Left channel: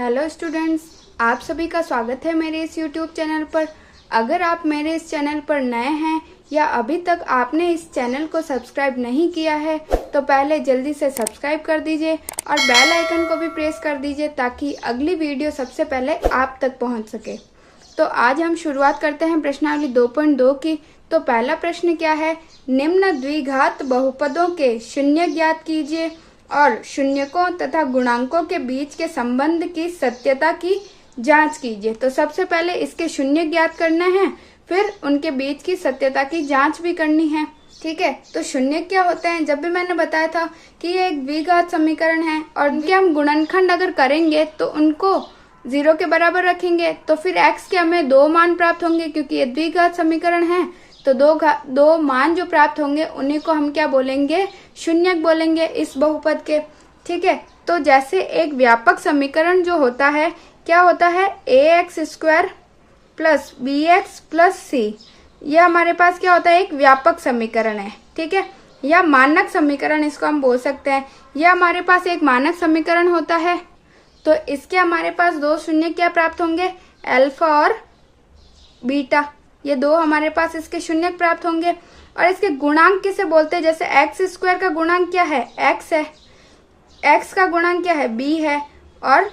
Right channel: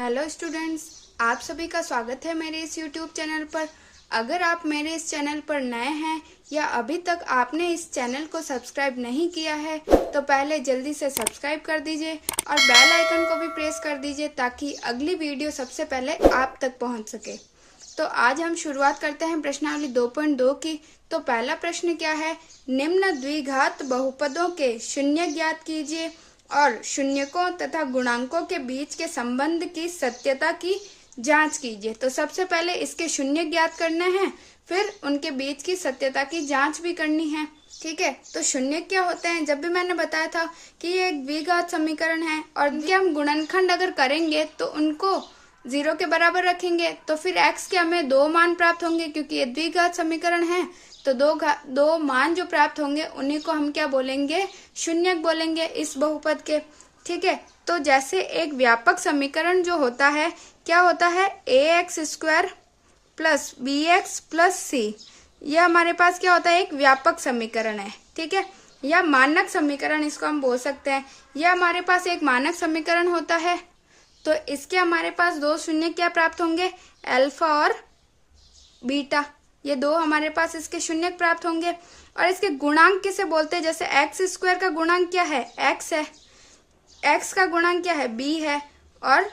Hello students, आप सभी का स्वागत है मेरे इस यूट्यूब चैनल पर। अगर आप मेरे इस चैनल पर नए हैं या अभी तक आपने इस चैनल को सब्सक्राइब नहीं किया है तो पहले जल्दी से सब्सक्राइब कर दीजिए और बेल आइकन को भी प्रेस कर दीजिए ताकि अगली वीडियो सबसे पहले आप तक पहुंच सके। तो आज हम शुरुआत करते हैं प्रश्नावली 2.2 की। तो पहला प्रश्न क्या है, निम्न द्विघात बहुपदों के शून्य ज्ञात कीजिए और शून्यकों तथा गुणांकों के बीच के संबंध की सत्यता की जांच कीजिए। तो सबसे पहले इसके शून्य ज्ञात करने हैं, फिर उनके बीच की सत्यता की जांच भी करनी है। ठीक है, तो शून्य क्या होते हैं, जब भी मैंने बताया था कि ये एक द्विघात समीकरण है और इनके हम गुणनखंड अगर करेंगे तो उनको 0 के बराबर रखेंगे तो फिर x के हमें 2 मान प्राप्त होंगे क्योंकि ये द्विघात समीकरण है। तो दो मान जो प्राप्त होंगे उन्हीं को हम क्या बोलेंगे, शून्यक बोलेंगे इस बहुपद के। ठीक है, तो जैसे एक व्यापक समीकरण जो होता है क्या होता है, ax² plus bx plus c, यह हमारे पास क्या होता है, एक व्यापक समीकरण है। ठीक है, या मानक समीकरण इसको हम बोल सकते हैं। यह हमारे पास एक मानक समीकरण होता है। तो इसके हमारे पास 2 शून्य क्या प्राप्त होंगे, अल्फा और बीटा, ये 2 हमारे पास इसके शून्य प्राप्त होंगे। और इसके गुणांक किसे बोलते हैं, जैसे x² का गुणांक क्या है, x है, x का गुणांक क्या है, b है, और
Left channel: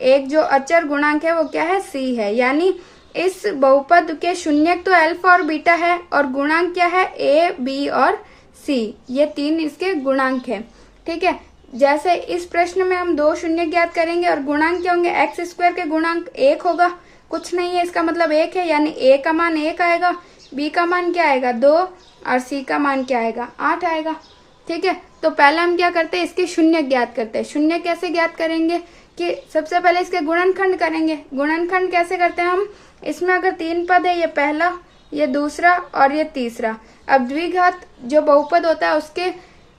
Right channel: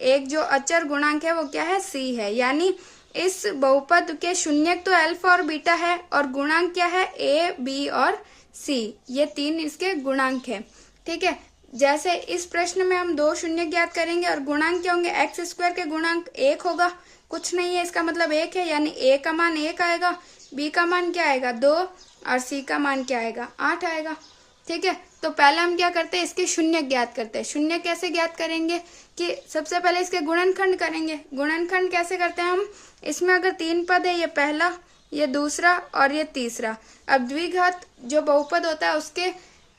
एक जो अचर गुणांक है वो क्या है, c है। यानी इस बहुपद के शून्यक तो अल्फा और बीटा है और गुणांक क्या है, a, b और c, ये 3 इसके गुणांक है। ठीक है, जैसे इस प्रश्न में हम 2 शून्य ज्ञात करेंगे और गुणांक क्या होंगे, x² के गुणांक 1 होगा, कुछ नहीं है, इसका मतलब 1 है, यानी a का मान 1 आएगा, b का मान क्या आएगा 2 और c का मान क्या आएगा 8 आएगा। ठीक है, तो पहले हम क्या करते हैं, इसके शून्य ज्ञात करते हैं। शून्य कैसे ज्ञात करेंगे कि सबसे पहले इसके गुणनखंड करेंगे। गुणनखंड कैसे करते हैं हम, इसमें अगर 3 पद है, ये पहला, ये दूसरा और ये तीसरा। अब द्विघात जो बहुपद होता है उसके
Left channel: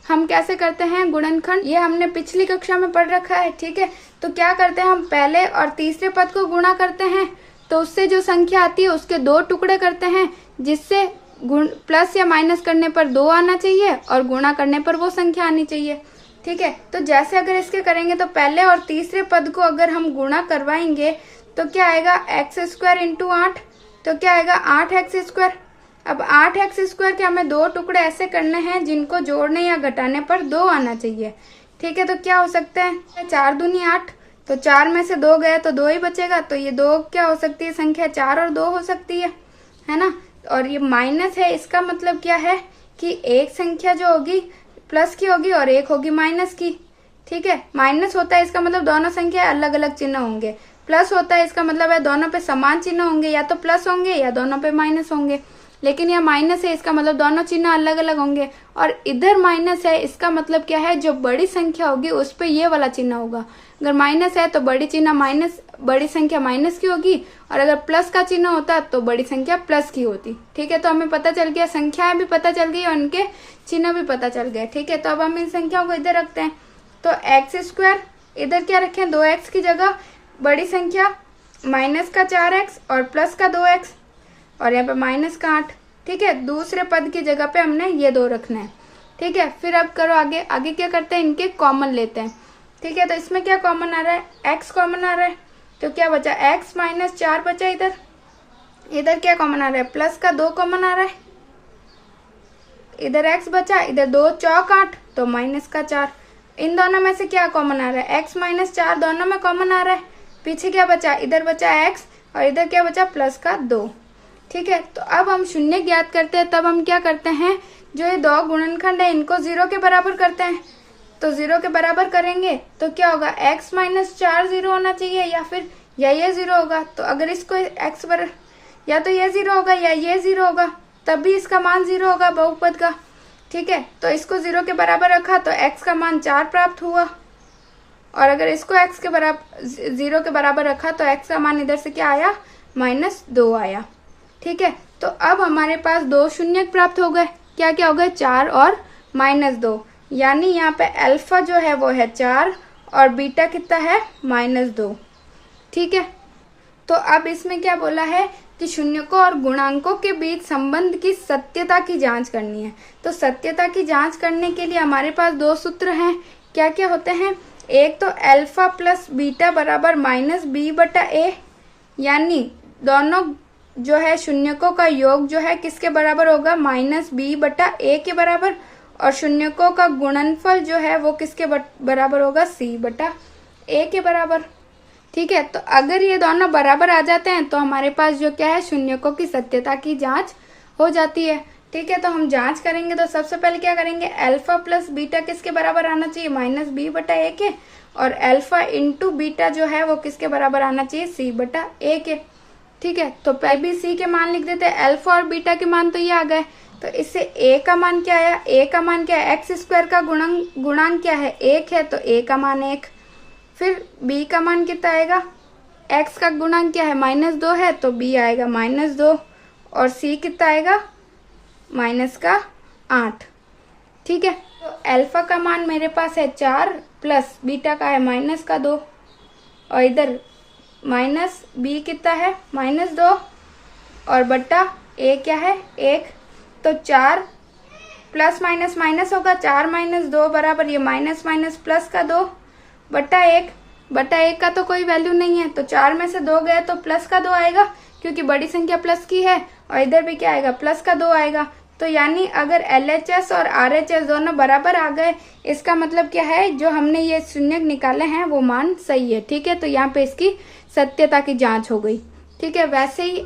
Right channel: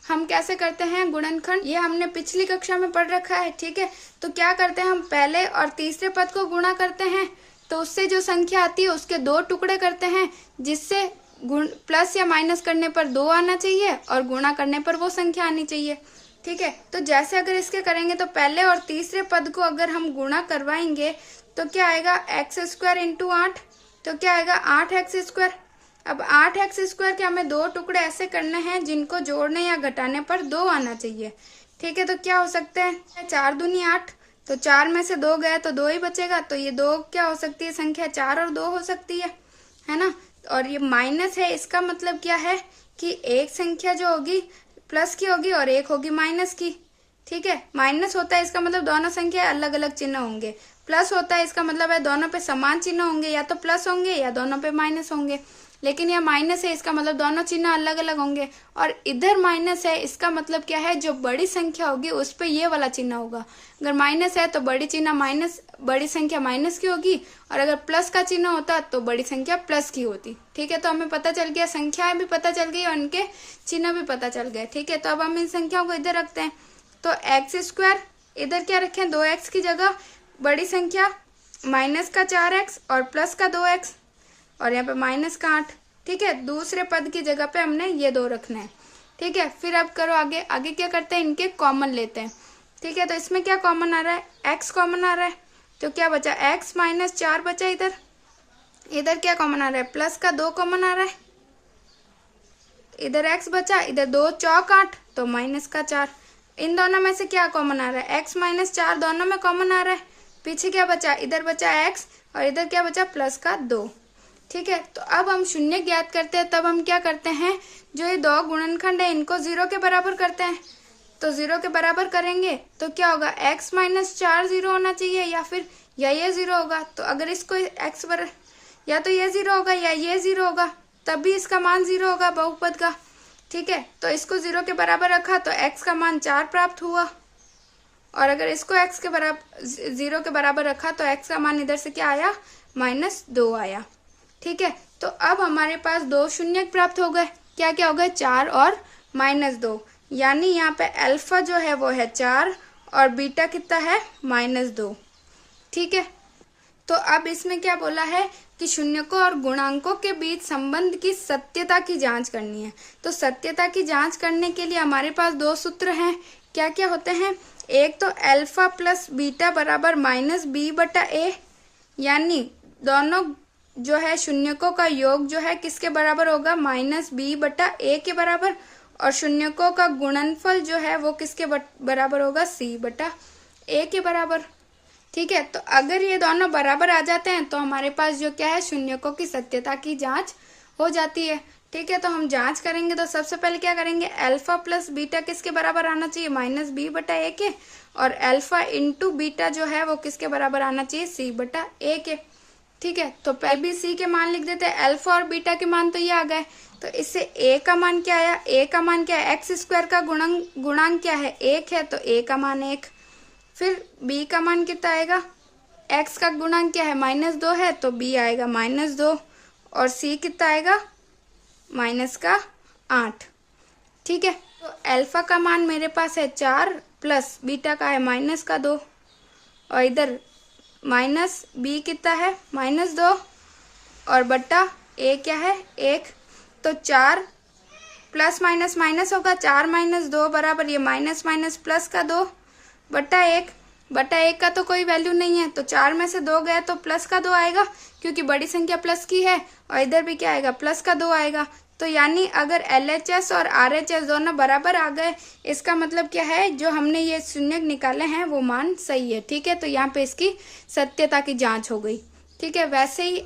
हम कैसे करते हैं गुणनखंड, ये हमने पिछली कक्षा में पढ़ रखा है। ठीक है, तो क्या करते हैं, हम पहले और तीसरे पद को गुणा करते हैं तो उससे जो संख्या आती है उसके 2 टुकड़े करते हैं, जिससे प्लस या माइनस करने पर 2 आना चाहिए और गुणा करने पर वो संख्या आनी चाहिए। ठीक है, तो जैसे अगर इसके करेंगे तो पहले और तीसरे पद को अगर हम गुणा करवाएंगे तो क्या आएगा, x² इंटू 8, तो क्या आएगा 8x²। अब 8x² के हमें 2 टुकड़े ऐसे करने हैं जिनको जोड़ने या घटाने पर 2 आना चाहिए। ठीक है, तो क्या हो सकता है, 4 दूनी 8, तो 4 में से 2 गया तो 2 ही बचेगा, तो ये 2 क्या हो सकती है संख्या, 4 और 2 हो सकती है ना। और ये माइनस है, इसका मतलब क्या है कि एक संख्या जो होगी प्लस की होगी और एक होगी माइनस की। ठीक है, माइनस होता है इसका मतलब दोनों संख्या अलग अलग चिन्ह होंगे, प्लस होता है इसका मतलब है दोनों पे समान चिन्ह होंगे, या तो प्लस होंगे या दोनों पे माइनस होंगे। लेकिन यह माइनस है, इसका मतलब दोनों चिन्ह अलग अलग होंगे। और इधर माइनस है, इसका मतलब क्या है, जो बड़ी संख्या होगी उस पे ये वाला चिन्ह होगा। अगर माइनस है तो बड़ी संख्या माइनस की होगी, और अगर प्लस का चिन्ह होता तो बड़ी संख्या प्लस की होती। ठीक है, तो हमें पता चल गया, संख्याएं भी पता चल गई और उनके चिन्ह भी पता चल गए। ठीक है, तो अब हम इन संख्याओं को इधर रखते हैं। तो x² इधर क्या रखें, 2x की जगह बड़ी संख्या माइनस का 4x और प्लस का 2x और यहाँ पे माइनस का 8। ठीक है, दूसरे पद की जगह पे हमने ये 2 रखना है। ठीक है, फिर अब करो आगे क्या करते हैं, इनके कॉमन लेते हैं। ठीक है, तो इसमें क्या कॉमन आ रहा है, x कॉमन आ रहा है, तो क्या बचा, x माइनस 4 बचा। इधर क्या कॉमन आ रहा है, प्लस का 2 कॉमन आ रहा है, इधर x बचा, इधर 2 चौक 8 तो माइनस का 4। इन दोनों में से क्या कॉमन आ रहा है, x माइनस 4 दोनों में कॉमन आ रहा है। पीछे क्या बचा, इधर बचा x और इधर क्या बचा, प्लस का 2। ठीक है, तो अब हम शून्य ज्ञात करते हैं, तब हम क्या करते हैं, जो ये 2 गुणनखंड है इनको 0 के बराबर करते हैं। तो 0 के बराबर करेंगे तो क्या होगा, x माइनस 4 0 होना चाहिए या फिर ये 0 होगा। तो अगर इसको x बराबर, या तो ये 0 होगा या ये 0 होगा, तब भी इसका मान 0 होगा बहुपद का। ठीक है, तो इसको 0 के बराबर रखा तो x का मान 4 प्राप्त हुआ, और अगर इसको x के बराबर 0 के बराबर रखा तो x का मान इधर से क्या आया, -2 आया। ठीक है, तो अब हमारे पास 2 शून्य प्राप्त हो गए। क्या क्या हो गए, 4 और -2, यानी यहाँ पे अल्फा जो है वो है 4 और बीटा कितना है, -2। ठीक है, तो अब इसमें क्या बोला है कि शून्यकों और गुणांकों के बीच संबंध की सत्यता की जांच करनी है। तो सत्यता की जांच करने के लिए हमारे पास 2 सूत्र हैं। क्या क्या होते हैं, एक तो अल्फा प्लस बीटा बराबर माइनस बी बटा ए, यानी दोनों जो है शून्यकों का योग जो है किसके बराबर होगा, माइनस बी बटा ए के बराबर, और शून्यकों का गुणनफल जो है वो किसके बराबर होगा, सी बटा ए के बराबर। ठीक है, तो अगर ये दोनों बराबर आ जाते हैं तो हमारे पास जो क्या है, शून्यकों की सत्यता की जांच हो जाती है। ठीक है, तो हम जांच करेंगे तो सबसे पहले क्या करेंगे, अल्फा प्लस बीटा किसके बराबर आना चाहिए, माइनस बी बटा ए के, और अल्फा इंटू बीटा जो है वो किसके बराबर आना चाहिए, सी बटा ए के। ठीक है, तो पहले भी सी के मान लिख देते हैं, अल्फा और बीटा के मान तो ये आ गए, तो इससे ए का मान क्या आया, ए का मान क्या है, एक्स स्क्वायर का गुणांक क्या है, 1 है, तो ए का मान 1। फिर बी का मान कितना आएगा, एक्स का गुणांक क्या है, -2 है, तो बी आएगा -2, और सी कितना आएगा, -8। ठीक है, तो अल्फा का मान मेरे पास है 4 प्लस बीटा का है -2, और इधर माइनस बी कितना है, -2, और बट्टा ए क्या है, 1। तो 4 प्लस माइनस माइनस होगा, 4 - 2 बराबर ये माइनस माइनस प्लस का 2 बट्टा 1। बट्टा 1 का तो कोई वैल्यू नहीं है, तो 4 में से 2 गया तो प्लस का 2 आएगा, क्योंकि बड़ी संख्या प्लस की है, और इधर भी क्या आएगा, प्लस का 2 आएगा। तो यानी अगर LHS और RHS दोनों बराबर आ गए, इसका मतलब क्या है, जो हमने ये शून्य निकाले हैं वो मान सही है। ठीक है, तो यहाँ पे इसकी सत्यता की जांच हो गई। ठीक है, वैसे ही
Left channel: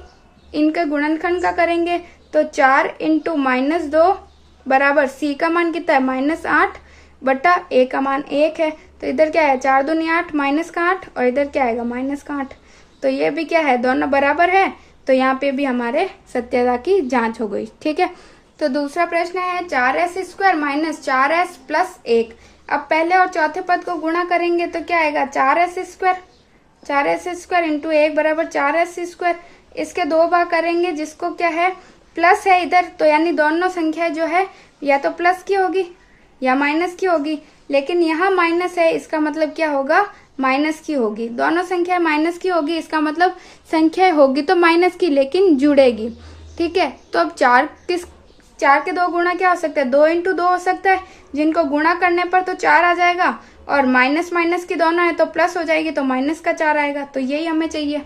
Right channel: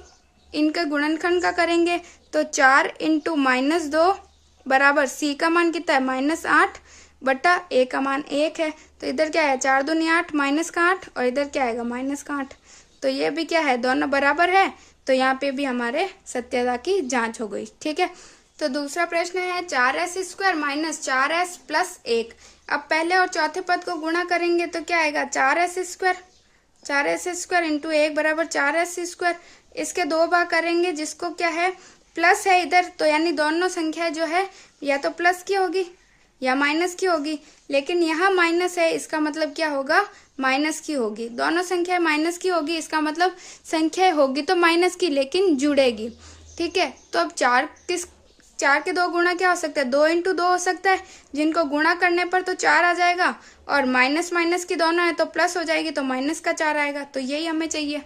इनके गुणनखंड का करेंगे तो 4 × -2 बराबर सी का मान कितना है, -8 बटा ए का मान 1 है, तो इधर क्या है, 4 दूनी 8 माइनस का 8, और इधर क्या आएगा, माइनस का 8। तो ये भी क्या है, दोनों बराबर है, तो यहाँ पे भी हमारे सत्यता की जांच हो गई। ठीक है, तो दूसरा प्रश्न है 4s² - 4s + 1। अब पहले और चौथे पद को गुणा करेंगे तो क्या आएगा, 4s² × 1 बराबर 4s²। इसके 2 भाग करेंगे, जिसको क्या है, प्लस है इधर, तो यानी दोनों संख्या जो है या तो प्लस की होगी या माइनस की होगी, लेकिन यहाँ माइनस है, इसका मतलब क्या होगा, माइनस की होगी। दोनों संख्या माइनस की होगी, इसका मतलब संख्या होगी तो माइनस की, लेकिन जुड़ेगी। ठीक है, तो अब 4 के 2 गुणा क्या हो सकता है, 2 × 2 हो सकता है, जिनको गुणा करने पर तो 4 आ जाएगा, और माइनस माइनस की दोनों है तो प्लस हो जाएगी, तो माइनस का 4 आएगा, तो यही हमें चाहिए।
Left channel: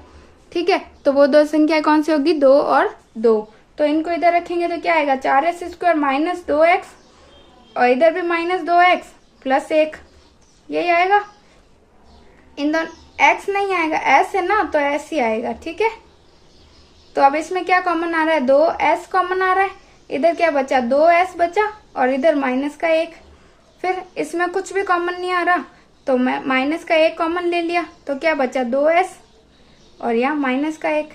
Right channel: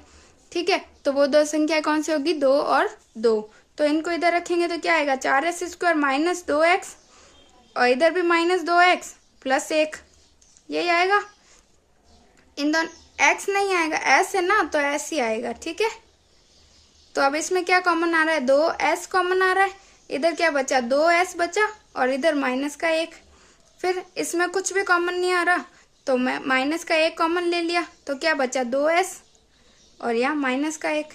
ठीक है, तो वो 2 संख्या कौन सी होगी, 2 और 2। तो इनको इधर रखेंगे तो क्या आएगा, 4s² - 2x, और इधर भी -2x + 1, यही आएगा। इन दोनों x नहीं आएगा, s है ना, तो s ही आएगा। ठीक है, तो अब इसमें क्या कॉमन आ रहा है, 2s कॉमन आ रहा है, इधर क्या बचा, 2s बचा, और इधर -1। फिर इसमें कुछ भी कॉमन नहीं आ रहा, तो मैं -1 कॉमन ले लिया, तो क्या बचा, 2s, और यहाँ -1।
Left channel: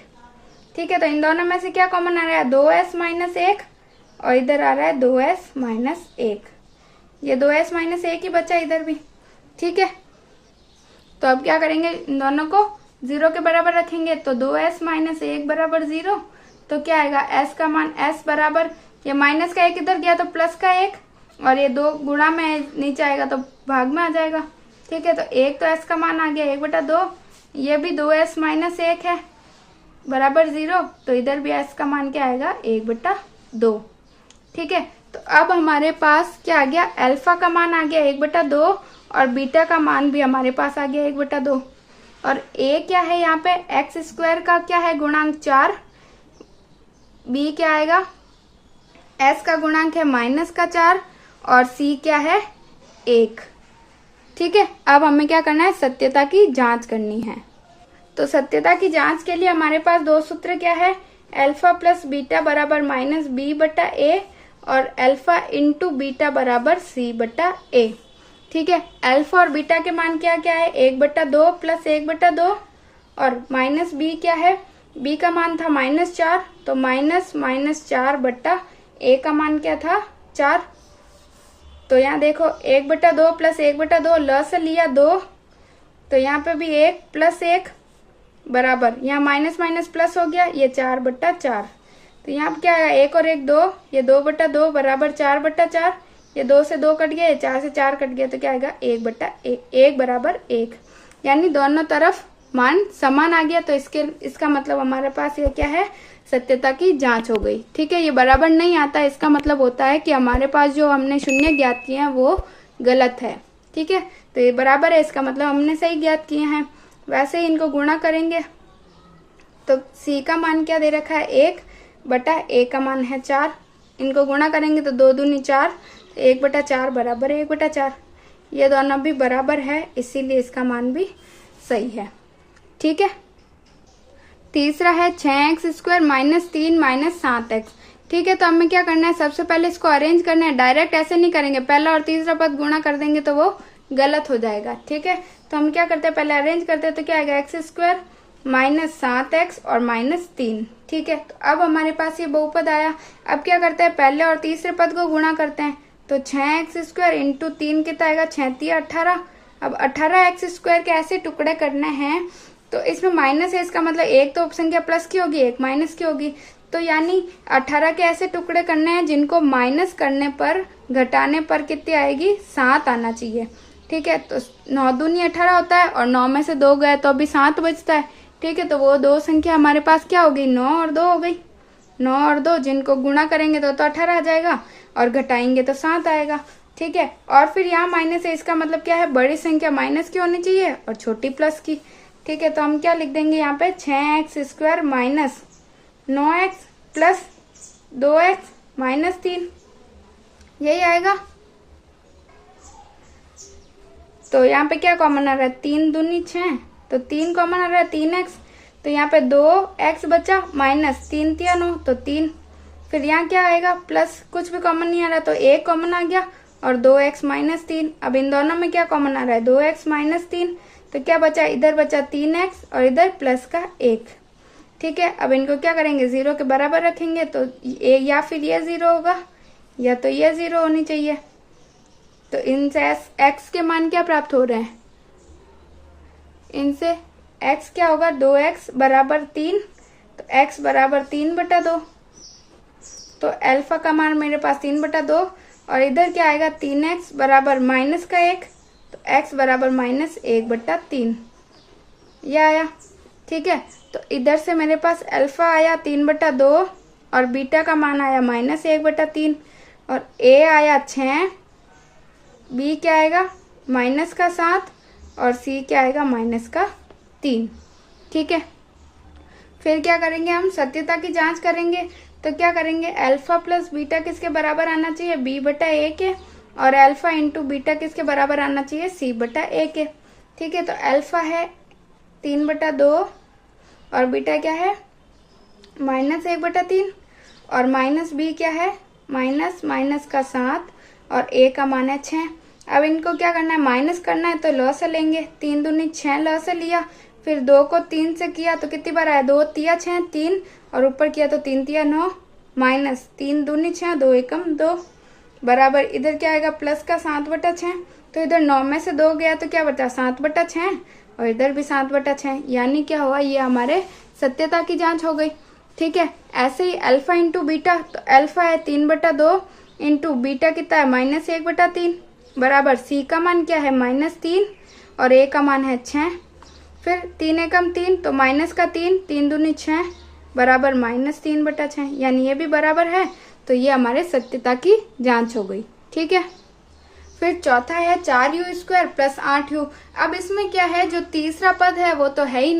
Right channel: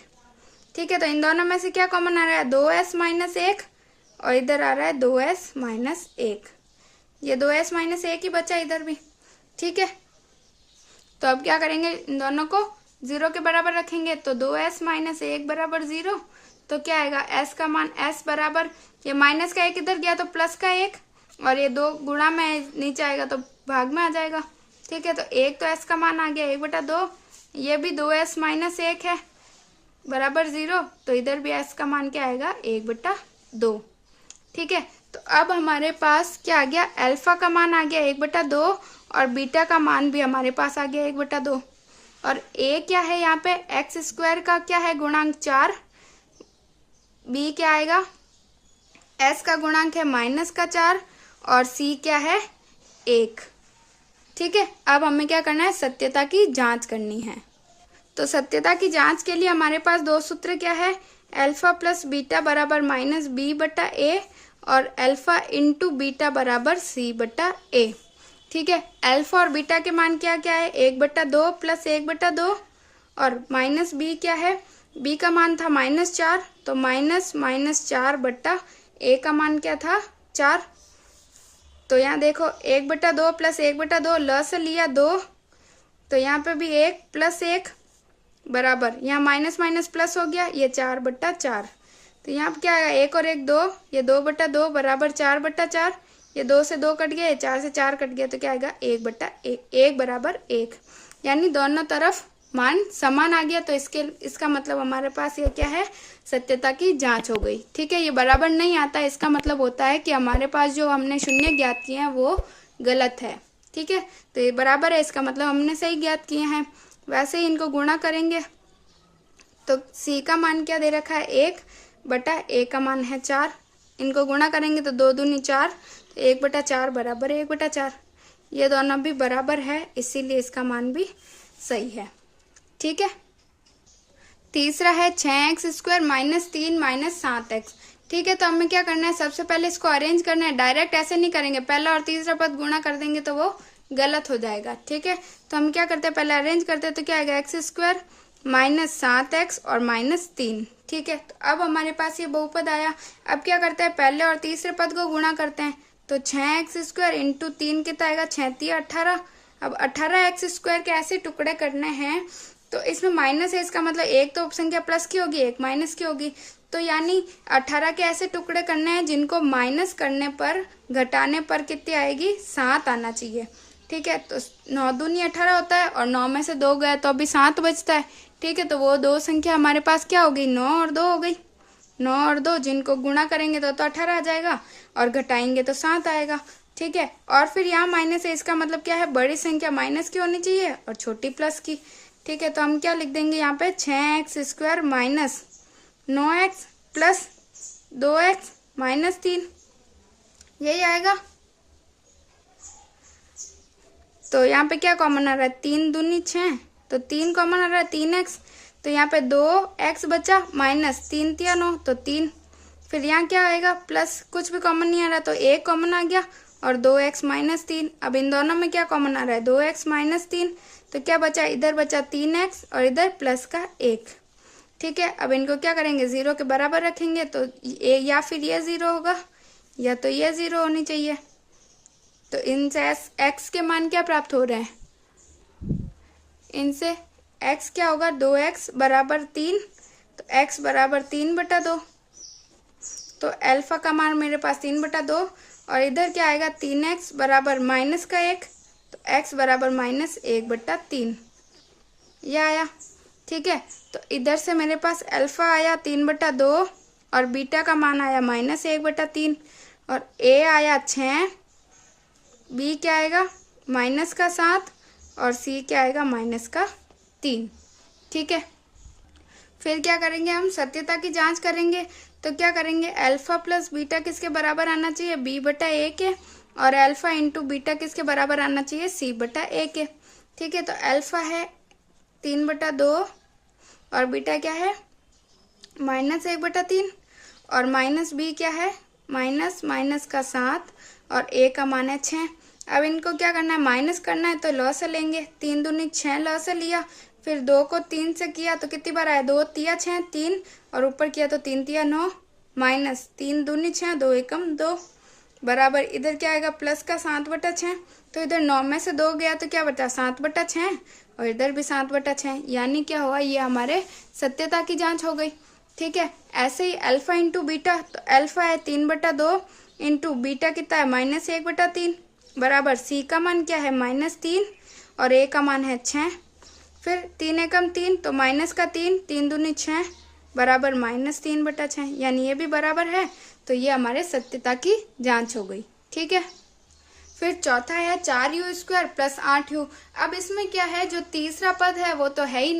ठीक है, तो इन दोनों में से क्या कॉमन आ रहा है, 2s - 1, और इधर आ रहा है 2s - 1। ये 2s - 1 ही बचा इधर भी। ठीक है, तो अब क्या करेंगे, इन दोनों को 0 के बराबर रखेंगे, तो 2s - 1 बराबर 0, तो क्या आएगा, s का मान s बराबर, ये माइनस का 1 इधर गया तो प्लस का 1, और ये 2 गुणा में नीचे आएगा तो भाग में आ जाएगा। ठीक है, तो 1 तो s का मान आ गया 1/2, ये भी 2s - 1 है बराबर 0, तो इधर भी s का मान क्या आएगा, 1/2। ठीक है, तो अब हमारे पास क्या आ गया, अल्फा का मान आ गया 1/2, और बीटा का मान भी हमारे पास आ गया 1/2, और a क्या है यहाँ पे, x² का क्या है गुणांक 4, b क्या आएगा, s का गुणांक है -4, और c क्या है, 1। ठीक है, अब हमें क्या करना है, सत्यता की जांच करनी है। तो सत्यता की जांच के लिए हमारे पास 2 सूत्र क्या है, अल्फा प्लस बीटा बराबर -b बटा a, और अल्फा इंटू बीटा बराबर c बटा a। ठीक है, अल्फा और बीटा के मान क्या क्या है, 1/2 + 1/2, और -b क्या है, b का मान था -4, तो -4 बट्टा a का मान क्या था, 4। तो यहाँ देखो 1/2 + 1/2, ल से लिया 2, तो यहाँ पे भी 1 + 1 बराबर, यहाँ माइनस माइनस प्लस हो गया, ये 4/4। तो यहाँ क्या आएगा, 1 और 1 2, ये 2/2 बराबर 4/4, ये 2 से 2 कट गया, ये 4 से 4 कट गया, तो क्या आएगा, 1/1, 1 बराबर 1, यानी दोनों तरफ मान समान आ गया। तो इसका मतलब हमारे पास ये क्या है, सत्यता की जांच हो गई। ठीक है, ये बराबर नहीं आता, इसका मतलब होता है कि हमारे पास जो हमने शून्य ज्ञात किए हैं वो गलत है। ठीक है, तो ये बराबर है, इसका मतलब हमने सही ज्ञात किए हैं। वैसे ही इनको गुणा करेंगे तो c का मान क्या दे रखा है 1 बटा a का मान है 4। इनको गुणा करेंगे तो 2 दूनी 4, 1/4 बराबर 1/4। ये दोनों भी बराबर है, इसीलिए इसका मान भी सही है। ठीक है, तीसरा है 6x² - 3 - 7x। ठीक है, तो हमें क्या करना है, सबसे पहले इसको अरेंज करना है। डायरेक्ट ऐसे नहीं करेंगे, पहला और तीसरा पद गुणा कर देंगे तो वो गलत हो जाएगा। ठीक है, तो हम क्या करते हैं, पहले अरेंज करते हैं, तो क्या आएगा x² - 7x और -3। ठीक है, तो अब हमारे पास ये बहुपद आया। अब क्या करते हैं, पहले और तीसरे पद को गुणा करते हैं, तो 6x² × 3 कितना आएगा, 6 × 18। अब 18x² के ऐसे टुकड़े करने हैं, तो इसमें माइनस है, इसका मतलब एक तो संख्या प्लस की होगी, एक माइनस की होगी। तो यानी 18 के ऐसे टुकड़े करने हैं जिनको माइनस करने पर, घटाने पर कितनी आएगी, 7 आना चाहिए। ठीक है, तो 9 दूनी 18 होता है और 9 में से 2 गए तो अभी 7 बचता है। ठीक है, तो वो दो संख्या हमारे पास क्या होगी, 9 और 2 हो गई। 9 और 2 जिनको गुणा करेंगे तो 18 आ जाएगा और घटाएंगे तो 7 आएगा। ठीक है, और फिर यहाँ माइनस है, इसका मतलब क्या है, बड़ी संख्या माइनस की होनी चाहिए और छोटी प्लस की। ठीक है, तो हम क्या लिख देंगे यहाँ पे, 6x² - 9x + 2x - 3, यही आएगा। तो यहाँ पे क्या कॉमन आ रहा है, 3 दूनी 6, तो 3 कॉमन आ रहा है, 3x। तो यहाँ पे 2x बचा, -3 × 9 तो 3। फिर यहाँ क्या आएगा, प्लस, कुछ भी कॉमन नहीं आ रहा तो 1 कॉमन आ गया और 2x - 3। अब इन दोनों में क्या कॉमन आ रहा है, 2x - 3, तो क्या बचा, इधर बचा 3x और इधर प्लस का 1। ठीक है, अब इनको क्या करेंगे, 0 के बराबर रखेंगे, तो या फिर ये 0 होगा या तो ये 0 होनी चाहिए। तो इनसे x के मान क्या प्राप्त हो रहे हैं, इनसे x क्या होगा, 2x = 3, तो x = 3/2। तो अल्फा का मान मेरे पास 3/2 और इधर क्या आएगा, 3x = -1, तो x = -1/3, यह आया। ठीक है, तो इधर से मेरे पास अल्फा आया 3/2 और बीटा का मान आया -1/3 और a आया 6, b क्या आएगा, -7 और c क्या आएगा, -3। ठीक है, फिर क्या करेंगे, हम सत्यता की जांच करेंगे। तो क्या करेंगे, अल्फा + बीटा किसके बराबर आना चाहिए, b/a के, और अल्फा × बीटा किसके बराबर आना चाहिए, c/a के। ठीक है, तो अल्फा है 3/2 और बीटा क्या है, -1/3 और -b क्या है, -7 और a का मान है 6। अब इनको क्या करना है, माइनस करना है, तो लॉ से लेंगे, 3 दूनी 6 लॉ से लिया, फिर 2 को 3 से किया तो कितनी बार आया, 2 × 6 3 और ऊपर किया तो 3 × 9 -3 दूनी 6, 2 एकम 2 बराबर, इधर क्या आएगा, प्लस का 7/6। तो इधर 9 में से 2 गया तो क्या बचा, 7/6 और इधर भी 7/6, यानी क्या हुआ, ये हमारे सत्यता की जांच हो गई। ठीक है, ऐसे ही अल्फा × बीटा, तो अल्फा है 3/2 × बीटा कितना है, -1/3 बराबर c का मान क्या है, -3 और a का मान है 6। फिर 3 एकम 3 तो -3, 3 दूनी 6 बराबर -3/6, यानी ये भी बराबर है। तो ये हमारे सत्यता की जांच हो गई। ठीक है, फिर चौथा है 4u² + 8u। अब इसमें क्या है, जो तीसरा पद है वो तो है ही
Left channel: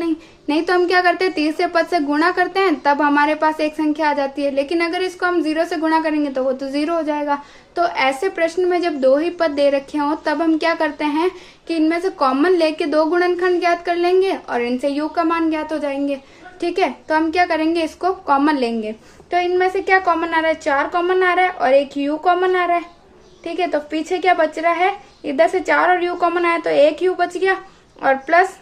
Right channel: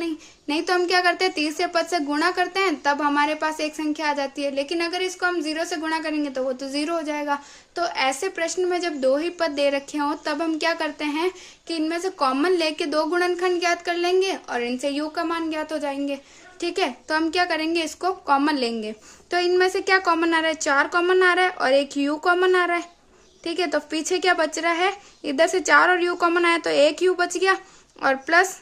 नहीं तो हम क्या करते हैं, तीसरे पद से गुणा करते हैं, तब हमारे पास एक संख्या आ जाती है। लेकिन अगर इसको हम 0 से गुणा करेंगे तो वो तो 0 हो जाएगा। तो ऐसे प्रश्न में जब 2 ही पद दे रखे हों, तब हम क्या करते हैं कि इनमें से कॉमन लेके 2 गुणनखंड ज्ञात कर लेंगे और इनसे u का मान ज्ञात हो जाएंगे। ठीक है, तो हम क्या करेंगे, इसको कॉमन लेंगे। तो इनमें से क्या कॉमन आ रहा है, 4 कॉमन आ रहा है और एक u कॉमन आ रहा है। ठीक है, तो पीछे क्या बच रहा है, इधर से 4 और u कॉमन आया तो 1 u बच गया और प्लस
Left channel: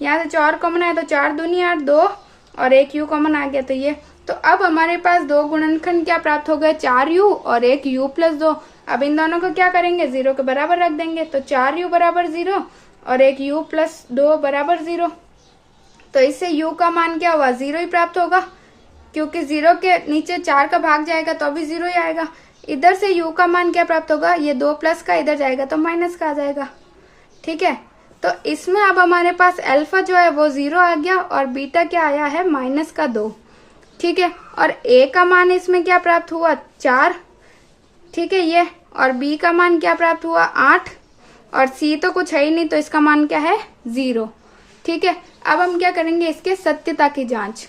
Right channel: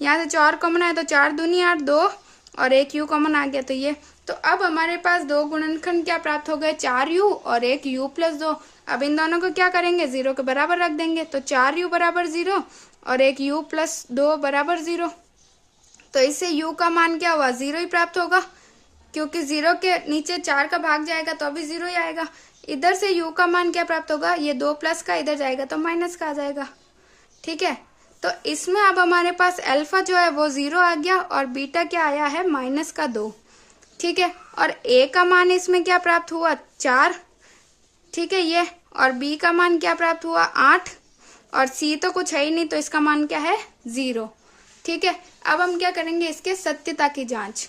यहाँ से 4 कॉमन आया तो 4 दूनी 8, 2 और 1 u कॉमन आ गया, तो ये। तो अब हमारे पास 2 गुणनखंड क्या प्राप्त हो गए, 4u और 1 u + 2। अब इन दोनों को क्या करेंगे, 0 के बराबर रख देंगे, तो 4u = 0 और 1 u + 2 = 0। तो इससे u का मान क्या हुआ, 0 ही प्राप्त होगा, क्योंकि 0 के नीचे 4 का भाग जाएगा तो अभी 0 ही आएगा। इधर से u का मान क्या प्राप्त होगा, ये 2 प्लस का इधर जाएगा तो माइनस का आ जाएगा। ठीक है, तो इसमें अब हमारे पास अल्फा जो है वो 0 आ गया और बीटा क्या आया है, -2। ठीक है, और a का मान इसमें क्या प्राप्त हुआ, 4। ठीक है, ये, और b का मान क्या प्राप्त हुआ, 8। और सी तो कुछ है ही नहीं, तो इसका मान क्या है 0। ठीक है, अब हम क्या करेंगे इसके सत्यता की जांच।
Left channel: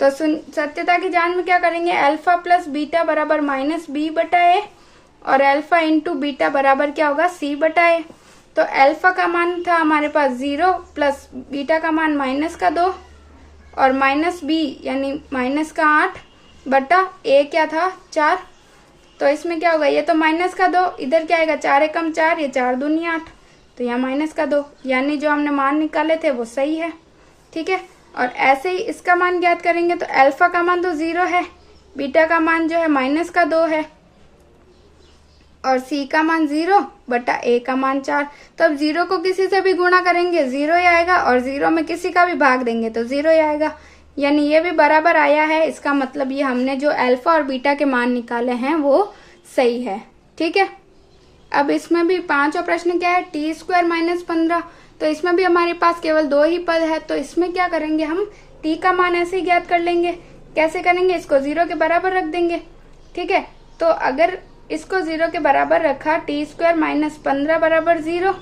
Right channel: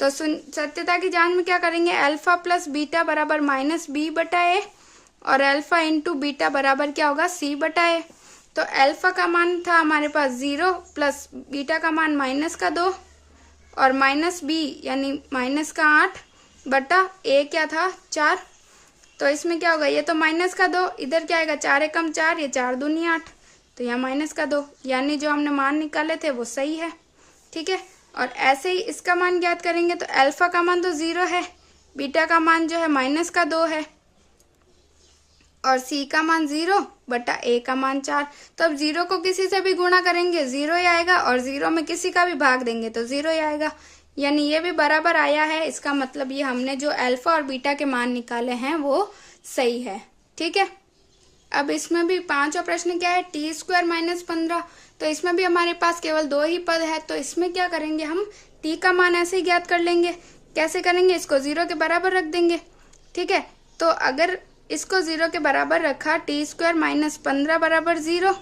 तो सत्यता की जांच में क्या करेंगे, अल्फा प्लस बीटा बराबर माइनस बी बटा ए और अल्फा इंटू बीटा बराबर क्या होगा सी बटा ए। तो अल्फा का मान था हमारे पास 0 प्लस बीटा का मान माइनस का 2 और माइनस बी यानी माइनस का 8 बटा ए क्या था 4। तो इसमें क्या होगा, ये तो माइनस का 2, इधर क्या आएगा 4 एकम 4, ये 4 दूनी 8, तो यहाँ माइनस का 2, यानी जो हमने मान निकाले थे वो सही है। ठीक है, और ऐसे ही इसका मान ज्ञात करेंगे। तो अल्फा का मान तो 0 है, बीटा का मान जो है माइनस का 2 है और सी का मान 0 बटा ए का मान 4। तो अब 0 को किसी से भी गुणा करेंगे 0 ही आएगा और 0 में किसी का भी भाग देंगे तो 0 ही आएगा, यानी ये भी बराबर आया है। इसका मतलब ये हमने जो अल्फा और बीटा के मान निकाले हैं वो सही है। ठीक है, अब इसमें भी 5वां प्रश्न क्या है, टी स्क्वायर माइनस 15। तो इसमें भी हमारे पास केवल 2 ही पद है, तो इसमें क्या करेंगे हम टी का मान ऐसे ही ज्ञात कर लेंगे। कैसे करेंगे, इसको 0 के बराबर रख देंगे। ठीक है, तो अगर इसको 0 के बराबर रखा, टी स्क्वायर माइनस 15 बराबर 0।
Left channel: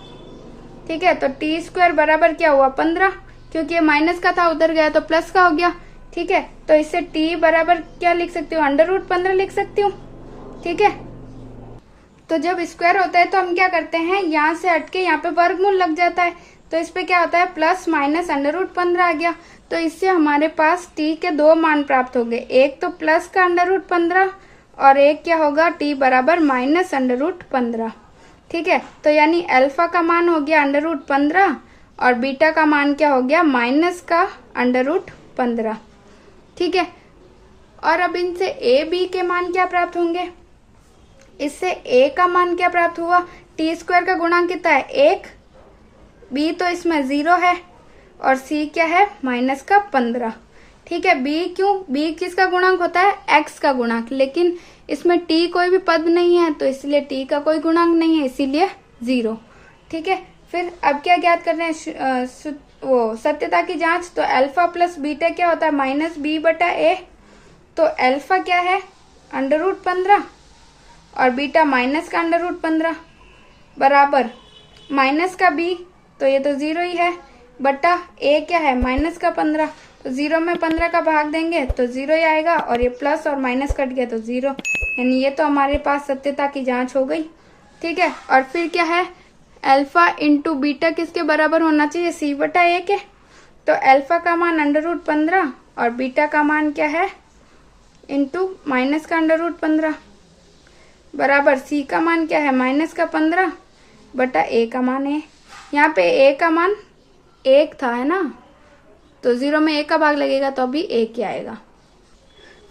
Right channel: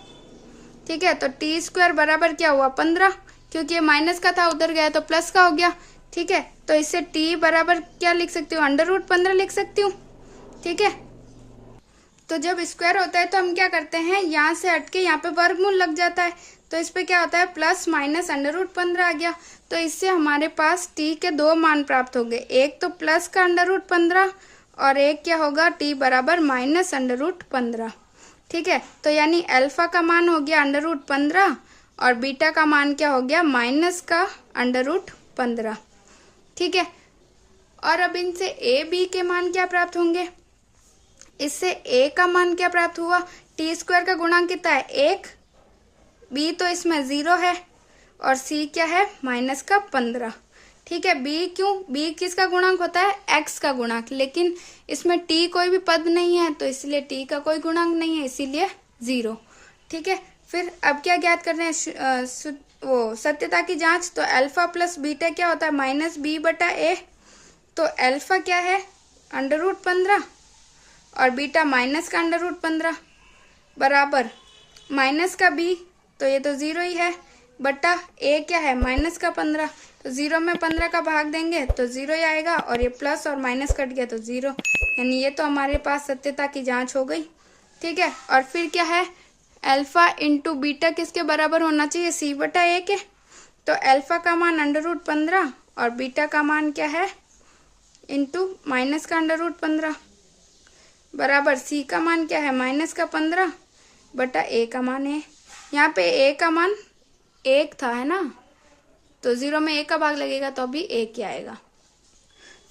ठीक है, तो टी स्क्वायर बराबर क्या हुआ 15, क्योंकि ये माइनस का था उधर गया तो प्लस का हो गया। ठीक है, तो इससे टी बराबर क्या लिख सकती हूँ, अंडर रूट 15 लिख सकती हूँ। ठीक है, तो जब स्क्वायर होता है तो हम क्या करते हैं, यहाँ से हटके यहाँ पे वर्गमूल लग जाता है, तो इस पे क्या होता है प्लस माइनस अंडर रूट 15 आ गया। तो इससे हमारे पास टी के 2 मान प्राप्त हो गए, एक तो प्लस का अंडर रूट 15 और एक क्या होगा टी बराबर माइनस अंडर रूट 15। ठीक है, तो यानी अल्फा का मान हो गया अंडर रूट 15 और बीटा का मान क्या हो गया माइनस का अंडर रूट 15। ठीक है, और अब इनसे ए बी के मान क्या प्राप्त होंगे, इससे a का मान क्या प्राप्त हुआ, टी स्क्वायर का गुणांक कितना है 1, b तो इसमें 0 है और c क्या है माइनस का 15। ठीक है, b क्यों, b किसका गुणांक होता है x का गुणांक, लेकिन इसमें t कोई भी पद नहीं है तो इसलिए t का कोई गुणांक नहीं है, इसीलिए 0। ठीक है, फिर अब क्या ज्ञात कर रहे हैं वो सत्यता की जांच। तो अल्फा प्लस बीटा क्या होता है माइनस बी बटा ए। तो अल्फा क्या है अंडर रूट 15 और बीटा माइनस का अंडर रूट 15 बराबर माइनस का b, तो ये तो 0 ही है, बटा a क्या है माइनस का 15, तो 0 में 15 का भाग देंगे तो 0 ही आएगा और ये प्लस और माइनस कट गया तो 0, यानी ये तो हमारे पास सत्यता की जांच हो गई। ठीक है, और फिर क्या है अल्फा इंटू बीटा किसके बराबर होना चाहिए c बटा a के। तो अल्फा का मान अंडर रूट 15 और बीटा का मान क्या है इंटू माइनस का अंडर रूट 15 बराबर सी का मान क्या है माइनस का 15 बटा ए का मान है। यहाँ पे ए का मान 1 था है ना, तो 0 में 1 का भाग लगेगा तो अभी 1 ही आएगा।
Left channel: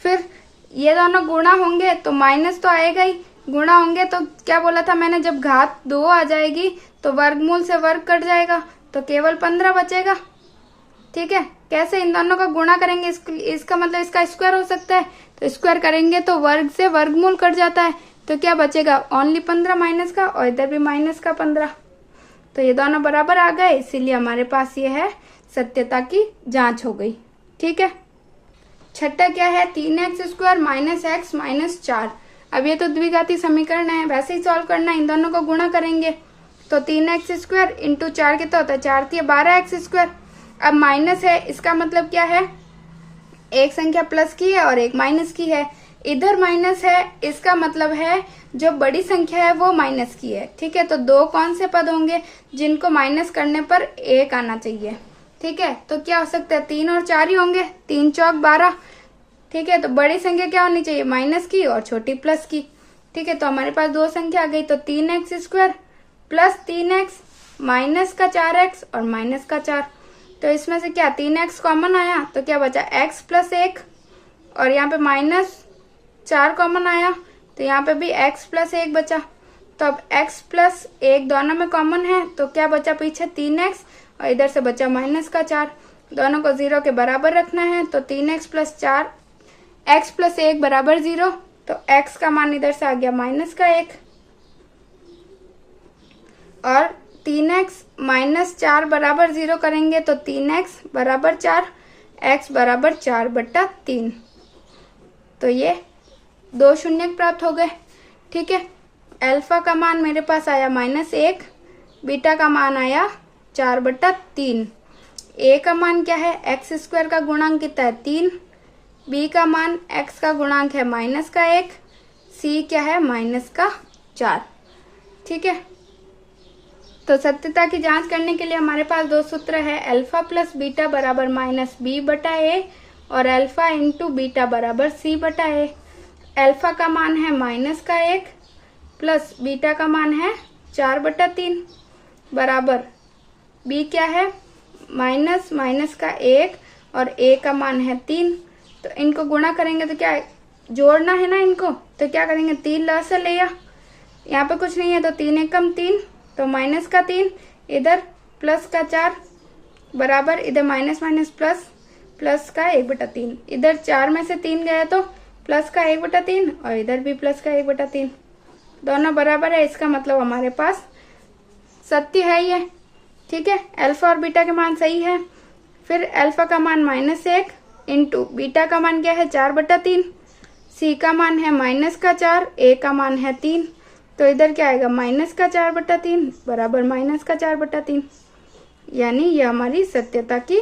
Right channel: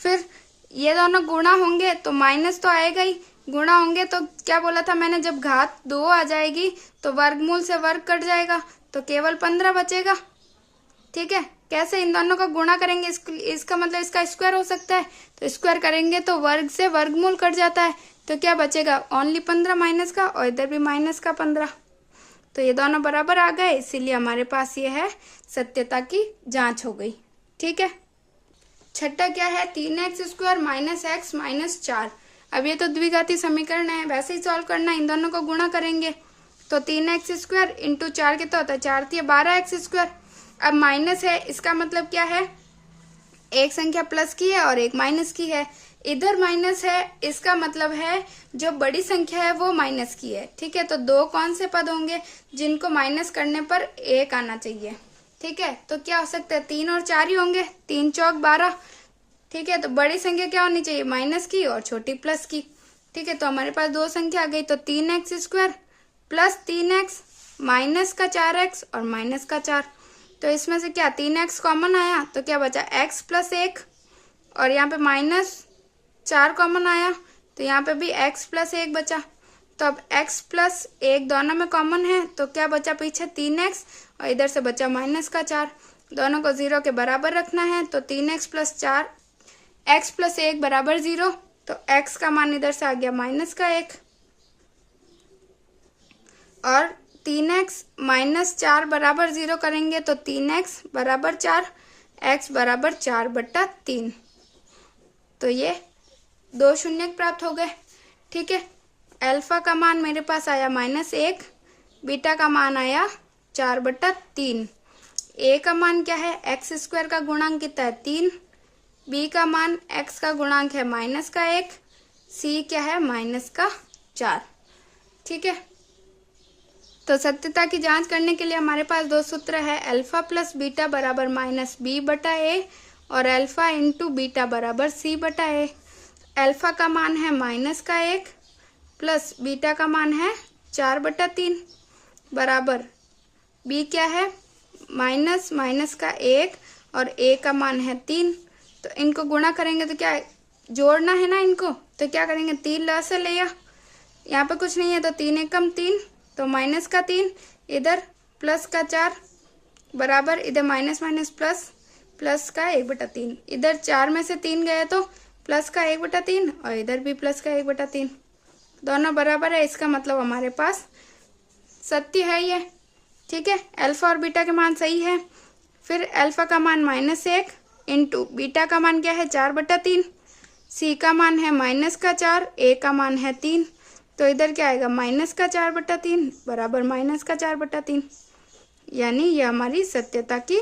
फिर ये दोनों गुणा होंगे तो माइनस तो आएगा ही, गुणा होंगे तो क्या बोला था मैंने, जब घात 2 आ जाएगी तो वर्गमूल से वर्ग कट जाएगा तो केवल 15 बचेगा। ठीक है, कैसे इन दोनों का गुणा करेंगे, इसका मतलब इसका स्क्वायर हो सकता है, तो स्क्वायर करेंगे तो वर्ग से वर्गमूल कट जाता है, तो क्या बचेगा ओनली 15 माइनस का और इधर भी माइनस का 15, तो ये दोनों बराबर आ गए, इसीलिए हमारे पास ये है सत्यता की जांच हो गई। ठीक है, छठा क्या है 3x square minus x minus 4। अब ये तो द्विघाती समीकरण है, वैसे ही सॉल्व करना है, इन दोनों को गुणा करेंगे तो 3x स्क्वायर इंटू 4 कितना होता है 4 3 12x स्क्वायर। अब माइनस है, इसका मतलब क्या है एक संख्या प्लस की है और एक माइनस की है, इधर माइनस है, इसका मतलब है जो बड़ी संख्या है वो माइनस की है। ठीक है, तो 2 कौन से पद होंगे जिनको माइनस करने पर 1 आना चाहिए। ठीक है, तो क्या हो सकता है 3 और 4 ही होंगे, 3 चौक 12। ठीक है, तो बड़ी संख्या क्या होनी चाहिए माइनस की और छोटी प्लस की। ठीक है, तो हमारे पास 2 संख्या आ गई, तो 3x square plus 3x minus का 4x और माइनस का 4। तो इसमें से क्या 3x कॉमन आया तो क्या बचा x प्लस 1 और यहाँ पे माइनस 4 कॉमन आया तो यहाँ पे भी x प्लस 1 बचा। तो अब x प्लस 1 दोनों में कॉमन है तो क्या बचा पीछे 3x और इधर से बचा माइनस का 4, दोनों को 0 के बराबर रखना है, तो 3x प्लस 4 x प्लस 1 बराबर 0, तो x का मान इधर से आ गया माइनस का 1 और 3x माइनस 4 बराबर 0 करेंगे तो 3x बराबर 4, x बराबर 4 बट्टा 3, तो ये 2 शून्य प्राप्त हो गए। ठीक है, अल्फा का मान मेरे पास आया -1 बीटा का मान आया 4/3। ए का मान क्या है, एक्स स्क्वायर का गुणांक कितना है 3, बी का मान एक्स का गुणांक है -1, सी क्या है -4। ठीक है, तो सत्यता की जांच करने के लिए हमारे पास दो सूत्र है, अल्फा प्लस बीटा बराबर -b/a और अल्फा इंटू बीटा बराबर c/a। अल्फा का मान है -1 प्लस बीटा का मान है 4/3 बराबर b क्या है -1 और a का मान है 3। तो इनको गुणा करेंगे तो क्या है, जोड़ना है ना इनको, तो क्या करेंगे 3 लसा लिया, यहाँ पे कुछ नहीं है तो 3 एकम 3, तो -3 इधर +4 बराबर इधर माइनस प्लस का 1/3, इधर 4 में से 3 गया तो प्लस का 1/3 और इधर भी प्लस का 1/3, दोनों बराबर है। इसका मतलब हमारे पास सत्य है ये। ठीक है, अल्फा और बीटा के मान सही है। फिर अल्फा का मान -1 इंटू बीटा का मान क्या है 4/3, सी का मान है -4, ए का मान है 3, तो इधर क्या आएगा -4/3 बराबर -4/3, यानी ये हमारी सत्यता की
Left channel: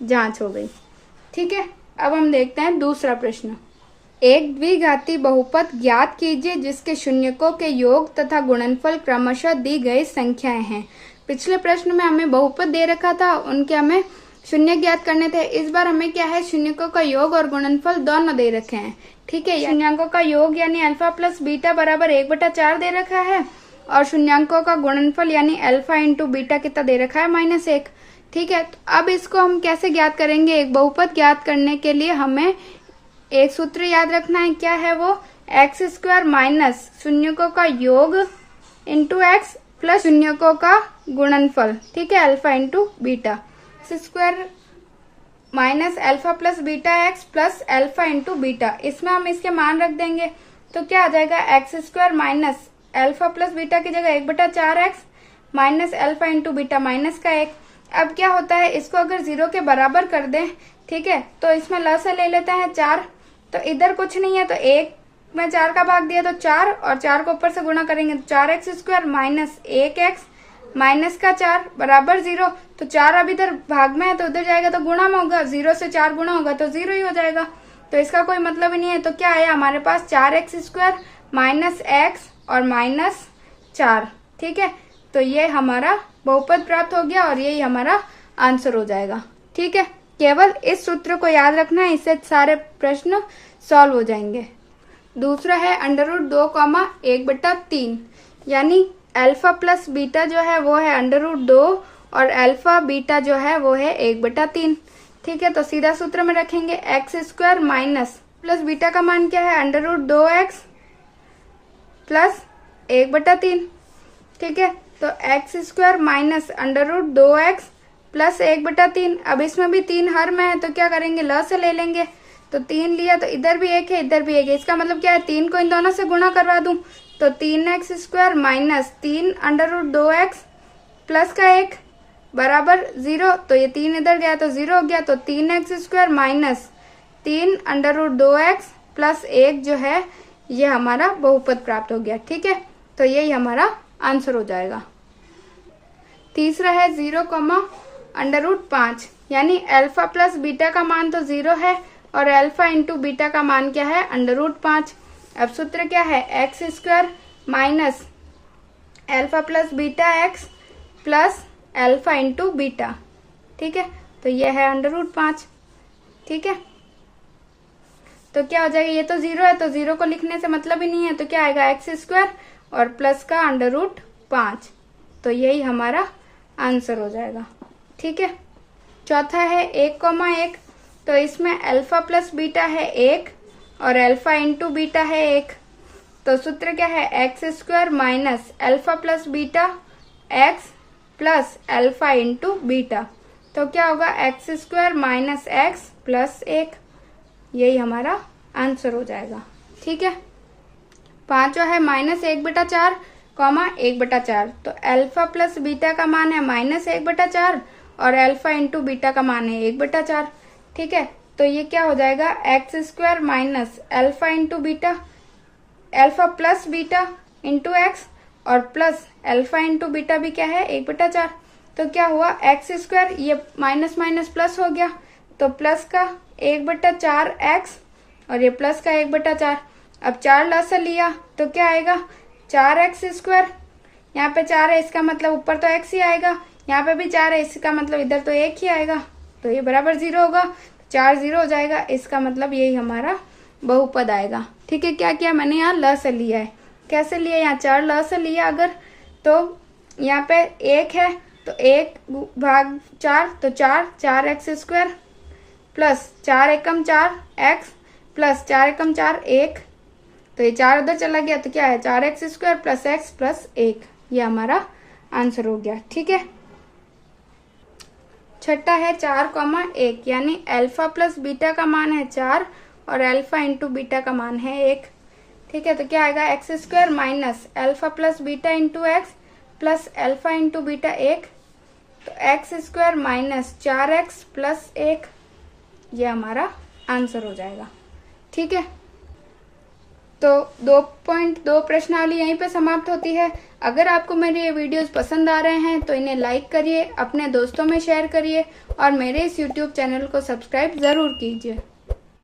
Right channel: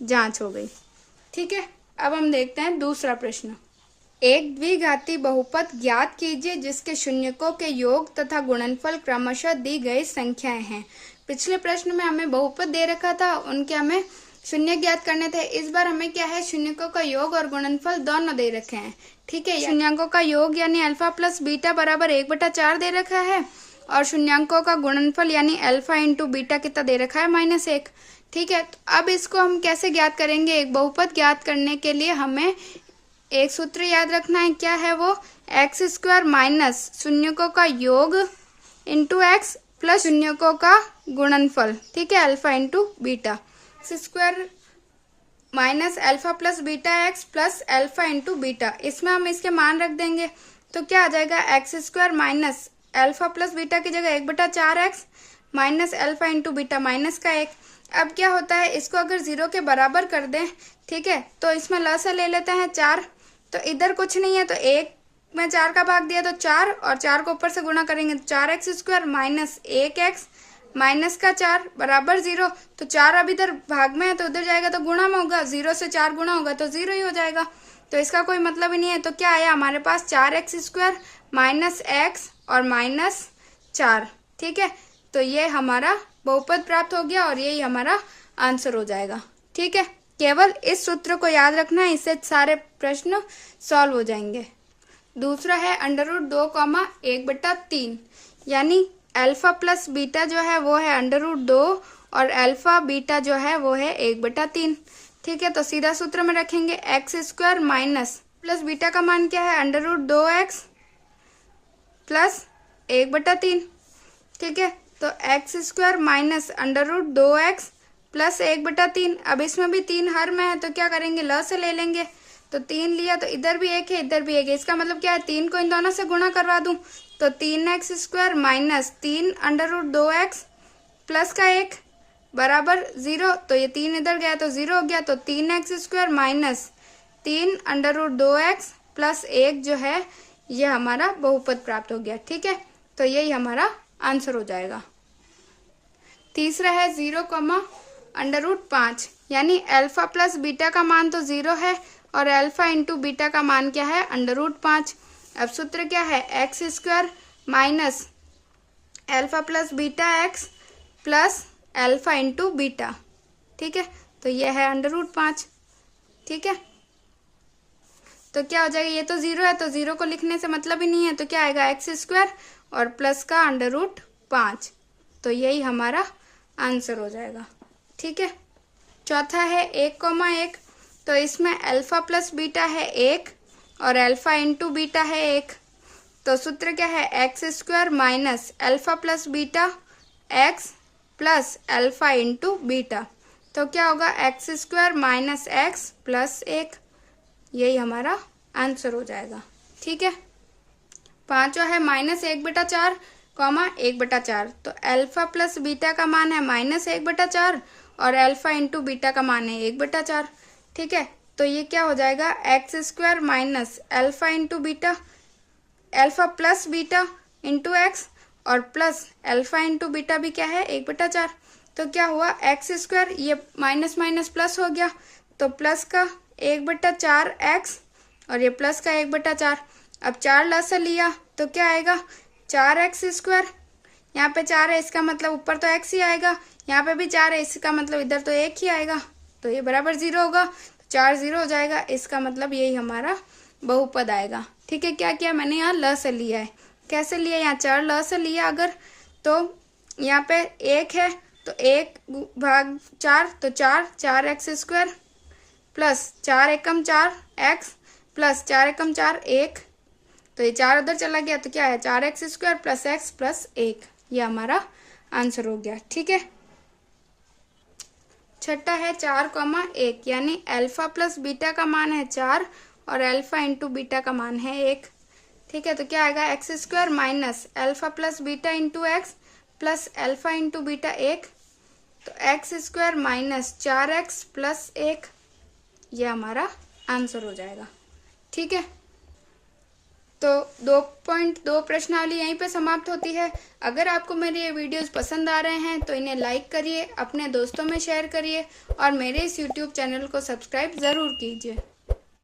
जांच हो गई। ठीक है, अब हम देखते हैं दूसरा प्रश्न। एक द्विघाती बहुपद ज्ञात कीजिए जिसके शून्यकों के योग तथा गुणनफल क्रमशः दी गई संख्याएं हैं। पिछले प्रश्न में हमें बहुपद दे रखा था, उनके हमें शून्य ज्ञात करने थे। इस बार हमें क्या है, शून्यकों का योग और गुणनफल दोनों दे रखे हैं। ठीक है, शून्यांकों का योग यानी अल्फा प्लस बीटा बराबर 1/4 दे रखा है और शून्यांकों का गुणनफल यानी अल्फा इंटू बीटा कितना दे रखा है -1। ठीक है, तो अब इसको हम कैसे ज्ञात करेंगे, एक बहुपद ज्ञात करने के लिए हमें एक सूत्र याद रखना है, क्या है वो, x² माइनस शून्यकों का योग इंटू x प्लस शून्यकों का गुणनफल। ठीक है, alpha into beta, x² minus alpha plus beta x plus alpha into beta, इसमें हम इसके मान रख देंगे तो क्या आ जाएगा, x² minus alpha plus beta की जगह 1/4x minus alpha into beta -1। अब क्या होता है, इसको अगर 0 के बराबर कर दें, ठीक है, तो इसमें लसा ले लेते हैं 4, तो इधर कुछ नहीं है तो 1 में 4 का भाग दिया तो 4 और 4 को ऊपर से गुणा करेंगे तो 4x² माइनस 1x -4 बराबर 0। तो 4 अब इधर भाग में है तो उधर जाएगा तो गुणा में होगा, 0 से 4 गुणा होगा तो 0 ही हो जाएगा, तो इसका कोई मतलब ही नहीं है। तो क्या आया हमारे पास 4x² माइनस x और -4। ठीक है, तो ये हमारा बहुपद प्राप्त हो गया और यही हमारा आंसर हो जाएगा। ठीक है, केवल इस सूत्र को याद रखना है, इससे सारे प्रश्न सॉल्व हो जाएंगे। दूसरा है √2, 1/3, यानी अल्फा प्लस बीटा जो है वो है √2 और अल्फा बीटा जो है वो है 1/3। ठीक है, तो सीधा सूत्र में रखेंगे x² माइनस प्लस बीटा का मान क्या है √2x प्लस 1/3। ठीक है, तो x² माइनस √2x प्लस 1/3। अब इसमें भी 3 हर में है तो क्या करेंगे, ल से ले लेंगे, तो 3 लिया तो इधर भी 1 है इधर भी 1 है, इसका मतलब क्या है 3 को इन दोनों से गुणा करवा दूं तो 3x² माइनस 3 √2x प्लस का 1 बराबर 0, तो ये 3 इधर गया तो 0 हो गया, तो 3x² माइनस 3 √2x प्लस 1 जो है ये हमारा बहुपद प्राप्त हो गया। ठीक है, तो यही हमारा आंसर हो जाएगा। तीसरा है 0, √5, यानी अल्फा प्लस बीटा का मान तो 0 है और अल्फा इंटू बीटा का मान क्या है √5। अब सूत्र क्या है, x² minus alpha plus beta x plus alpha into beta. ठीक है, तो ये है √5। ठीक है, तो क्या हो जाएगा, ये तो 0 है तो 0 को लिखने से मतलब ही नहीं है, तो क्या आएगा x² और प्लस का √5, तो यही हमारा आंसर हो जाएगा। ठीक है, चौथा है 1, तो इसमें अल्फा प्लस बीटा है 1 और अल्फा इंटू बीटा है 1, तो सूत्र क्या है x² minus alpha plus beta x plus alpha into beta, तो क्या होगा x² माइनस x प्लस 1, यही हमारा आंसर हो जाएगा। ठीक है, पांचवा है -1/4, 1/4, तो अल्फा प्लस बीटा का मान है -1/4 और अल्फा इंटू बीटा का मान है 1/4। ठीक है, तो ये क्या हो जाएगा x² minus alpha into beta, alpha plus beta into x, और प्लस अल्फा इंटू बीटा भी क्या है 1/4। तो क्या हुआ एक्स स्क्वायर, ये माइनस माइनस प्लस हो गया, तो प्लस का 1/4 एक्स और ये प्लस का 1/4। अब 4 लसा लिया तो क्या आएगा 4x स्क्वायर। यहाँ पे 4 है, इसका मतलब ऊपर तो x ही आएगा, यहाँ पे भी 4 है, इसका मतलब इधर तो 1 ही आएगा, तो ये बराबर 0 होगा, 4 0 हो जाएगा। इसका मतलब यही हमारा बहुपद आएगा। ठीक है, क्या किया मैंने यहाँ ल से लिया है। कैसे लिया, यहाँ 4 ल से लिया अगर, तो यहाँ पे 1 है तो 1/4 तो 4x स्क्वायर प्लस 4 एकम 4x प्लस 4 एकम 4 1, तो ये 4 उधर चला गया तो क्या है 4x square plus x plus 1, ये हमारा आंसर हो गया। ठीक है, छठा है 4,1, यानी अल्फा प्लस बीटा का मान है 4 और अल्फा इंटू बीटा का मान है 1। ठीक है, तो क्या आएगा x square minus alpha plus beta into x plus alpha into beta 1, तो x square minus 4x plus 1, ये हमारा आंसर हो जाएगा। ठीक है, तो 2.2 प्रश्नावली यहीं पे समाप्त होती है। अगर आपको मेरे ये वीडियोस पसंद आ रहे हैं तो इन्हें लाइक करिए, अपने दोस्तों में शेयर करिए और मेरे इस YouTube चैनल को सब्सक्राइब ज़रूर कीजिए।